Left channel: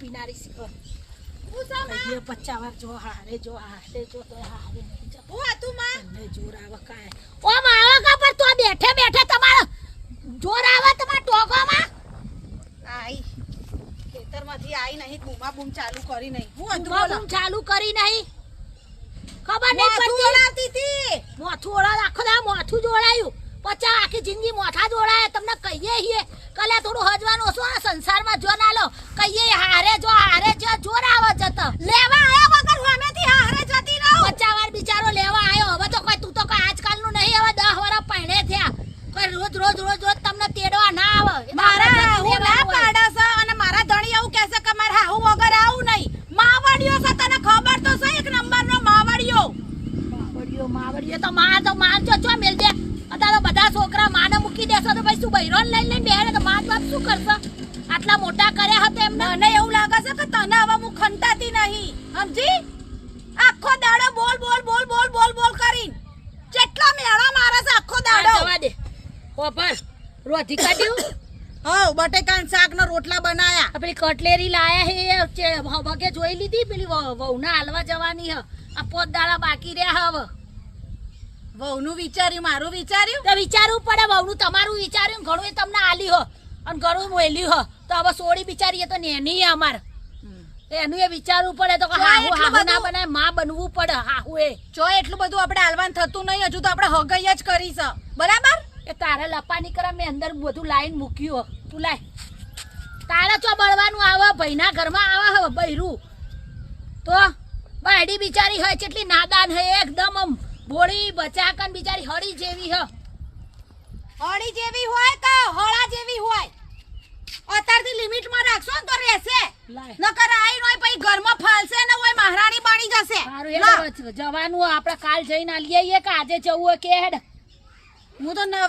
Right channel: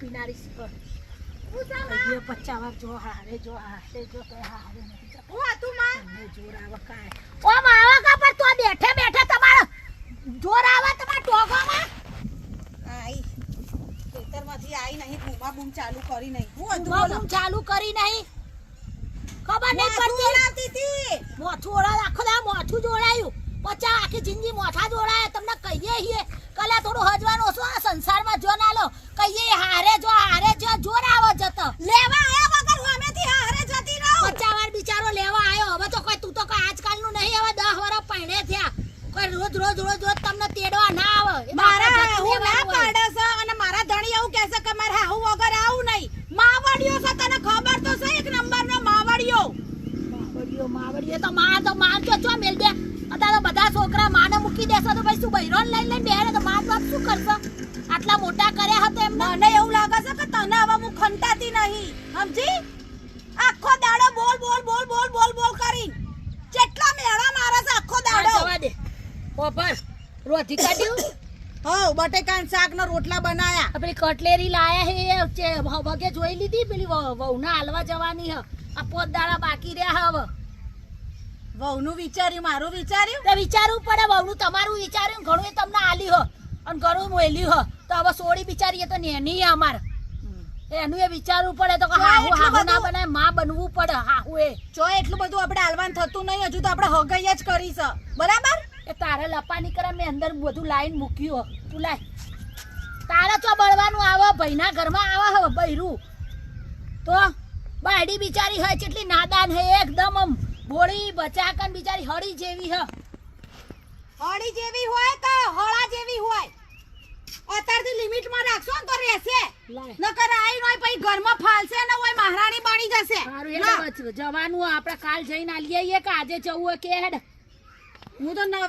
પીનારી શીખર હું સા માં ये 50 વાર જો હારે જો હારે જો તો હારે નહીં જતો હું હતું માં તમને જોર આવે કાય ઓ માવા કા પર તો બેઠે બેઠે તમારો જોર આવે તમાર ટોગામાં આઈ ખેતરમાંથી આઈ નહીં બૂમા બૂમ ચાલુ કરી નહીં હું હતું બૂમા બોલો બૂમ ચાલુ કરી નહીં ખબર નહીં માથું પડતી ઓળાવતી હતી મોથું ઓળા આખો દા મોથું જોડાયું પચા આખી જિંદગી મોથા જોડાયા તમને કહીએ હીએ કલે થોડું હજવાનું ઓછું આ સંસારમાં જો ના લો કહીએ હારે જો જોર આવે જતો લેવા આયા વગર હોમેથી હારે જતી રહું પચા વાર બિચારો લેવા આવ્યો હવે તો કોઈ તું તો કોઈ આજકાલનું નહીં હવે 10 વર્ષ પહેણે થયા કોઈ રોજ તમને તેડવા ના આવે મારા હું ના પાડે છે અને મારા ધણી એવું કહે છે કે મારે હાહુ વગર આવું નહીં માવડિયો છે તને ખબર તો છે એક નંબરનો માવડિયો માવડીઓ તો માં ચો મેલ દે અત્યારે બધા છોકરા માને મૂકી દેશો તો પછી તું બૈરોન લઈને બેહે તો માં બાપ શું કરશે આટલા મોટા કર્યા હતા એમને મને એવું લાગે છે કે તને હવે હું ખંતાતી નહીં સમજી આખો દાડો બોલ કરીને કેટલા મેળા મારે છે આખો દાડો જવા દે ઓ બસ રોધી કાઢ્યું હો બટેકાન શાક નો રોટલા બનાયા પેલી કટલેરી લાયા હે વગે જોઈ લીધી પેલી વહુના હાલવા જવાની હ આ પોત દાડા બાકી રહ્યા હવે વહુનું વિચાર્યું મારું વિચાર્યું તે વિચારવું પડે વહુનું તમારું વિચાર્યું ઘણું એ તમને આલી હો અને ઘણું મોલ્યું હો તો હવે સોડી બિચારી તો નેની હે અમાર એનું એ વિચારવું પડે તો હાહુ ના બને માં બનવું પડે હાહુ એ જો એટલું બધું આપણે હાલવાન થતું નહીં હજુ તો આપણે હગઈ જ કરી છે બરાબર એ તારે લપાની કરે મેં અંદર બધું લાઈન મૂક્યું હો તું લાય તારે ચો બળવાનું આવે ભાઈના ઘરમાં આવે હવે બૈરું તો બાયડી બિચારી હોય કેટલી નાદાન હે એકદમ આમ બોળી બચાકન બિચારી હળી જેવી હ હળી જેવી હોય કે હળા જેવી હોય અત્યારથી લિમિટમાં રાખશો ને તો રહેશે લાય નકર આઈ નોય પછી ઘરમાં ફાલશે ને ઓય મહારાણી બની જશે સારું એ જવાનું આપણે કાલ જઈને આલીએ કે આજે જવું કે હેડ હું તો નવરી